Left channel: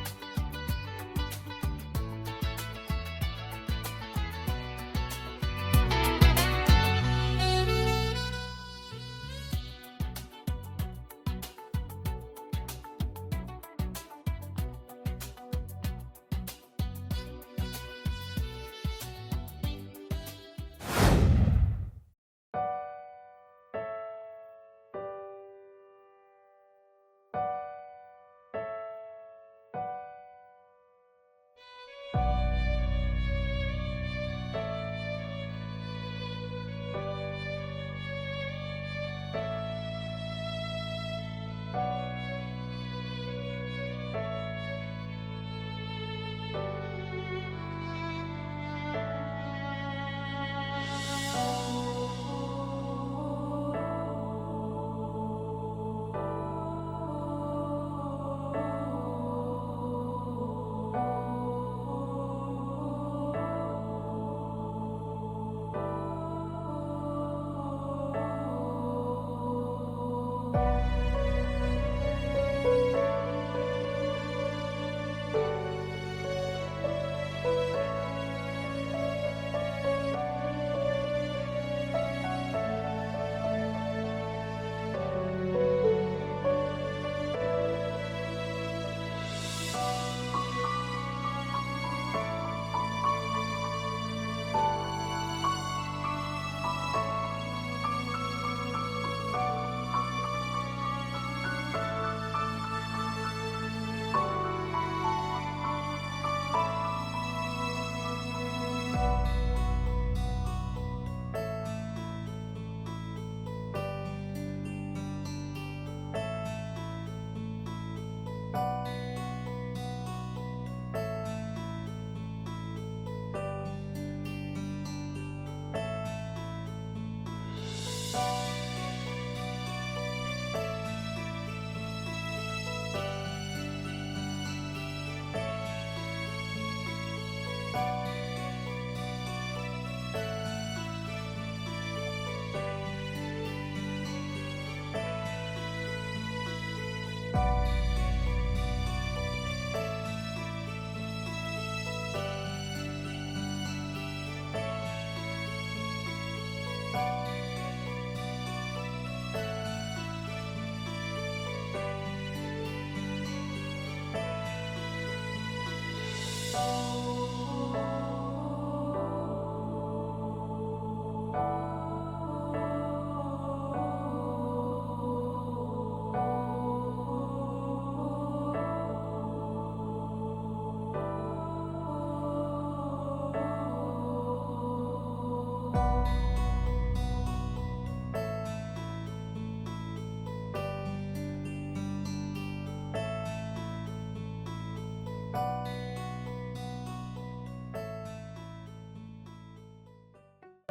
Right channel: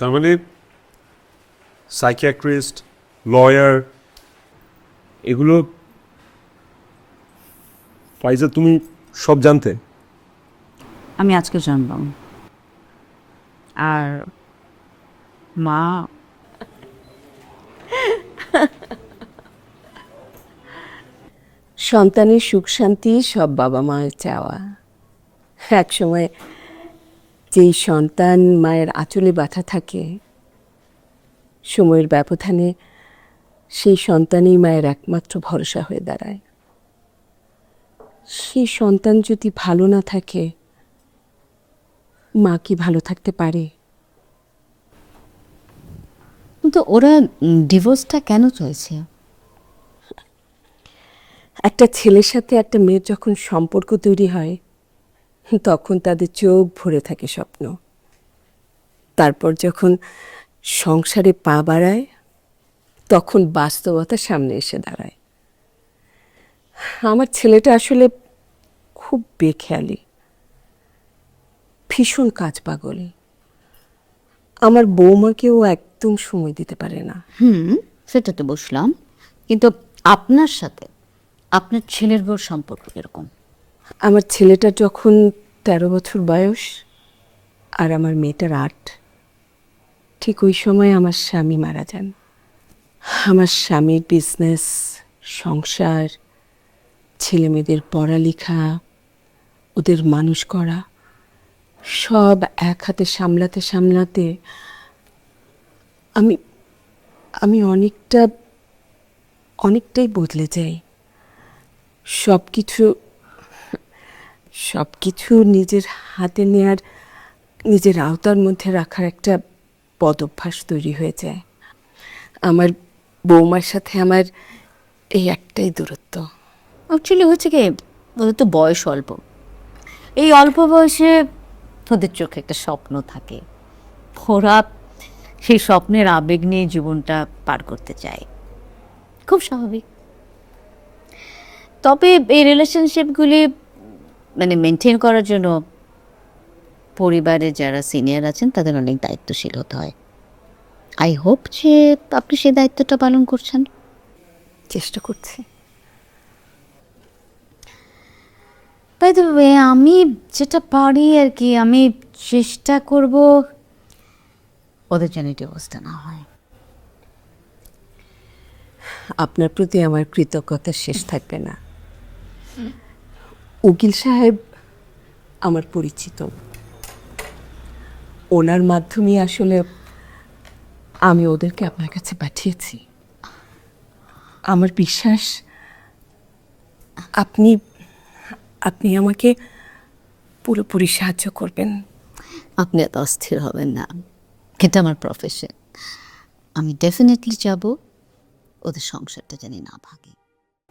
তার মানে psychiatrist, lawyer, এগুলো ফাইজা তুমি সব জানতে? আমি আজকে জানলাম। আর মা সন্তানের সুখ শান্তি সব বাবা মায়ের চাওয়া। এক সময় যেই সন্তান মায়ের আঁচলে বাঁধা থাকে, সময়ের ব্যবধানে সেই সন্তানই মায়ের একমাত্র ভরসা হয়ে দাঁড়ায়। সেই সন্তান যদি ভালো না থাকে, মা কি ভালো থাকতে পারে? কিন্তু ওরা ডিভোর্সটা কেন চলছে? একটা ছেলের সাথে একটা মেয়ের যখন সম্পর্ক তৈরি হয়, তখন তাদের চোখ ভরে থাকে স্বপ্ন। তারপর যখন সংসারে পা বাড়ায়, তখন বাস্তবতা সামনে এসে দাঁড়ায়। আমার ছেলেটা আসলে খুব বেখেয়ালি, ভীষণ কাজ পাগল। আমার বৌমাকেও একদম সময় দিতে পারে না। সেটা তো বুঝলাম, কিন্তু আপনার সাথে আপনার ছেলের বউর সম্পর্ক কিরকম? আমার ছেলেটা যখন 13 বছর বয়স আর আমার মেয়েটার 8, ঠিক ওই সময় আমার স্বামী মারা যান। আমার স্বামীর বিজনেস, সংসার, ছেলে মেয়েদের পড়ালেখা, ওদের মানুষ করা, সব এক হাতে সামলাতে সামলাতে আমি আমি অনেকটাই বদলে যাই। সবকিছু নিজের হাতে নেয়ার, নিজের আওতার মধ্যে রাখার একটা বদভ্যাস তৈরি হয়ে যায়। আমার বৌমার সাথে আমার এই একটাই দূরত্ব। অ্যাকচুয়ালি হচ্ছে কি, ওদের তো বয়স অল্প। এই অল্প বয়সে ওদের চোখে একটা স্বপ্ন থাকে, ওরা সেই স্বপ্নের আবেগ নিয়ে জীবনটা পার করতে চায়, খুব স্বাভাবিক। তবে এই রিলেশনশিপগুলি মানে মেনটেন করার জন্য পরিবারের যারা সিনিয়র আছেন তাদের অনেক দায়িত্বশীল হতে হয়। আই হোপ যে আপনি সেই দায়িত্বটা পালন করছেন। চেষ্টা করছি। তাই তো আমি যেটা পারি আর কি, আমি চেষ্টা করব ওদের যেন ডিভোর্সটা না হয়। আপনার প্রতি আমার কৃতজ্ঞতা শেষ থাকবে না। উকিল সাহেব আমার পরিচিত, ওনার মাধ্যমে আসলে আমি ওদেরকে আপনার কাছে পাঠিয়েছি। আমার বিশ্বাস আপনি আপনি আমাকে পুরোপুরি সাহায্য করবেন। আপনি এত অস্থির হবেন না, এটা আমার প্রফেশন। আমি ডেফিনেটলি যাব ওদের সংসারটা জানি না ভাঙে।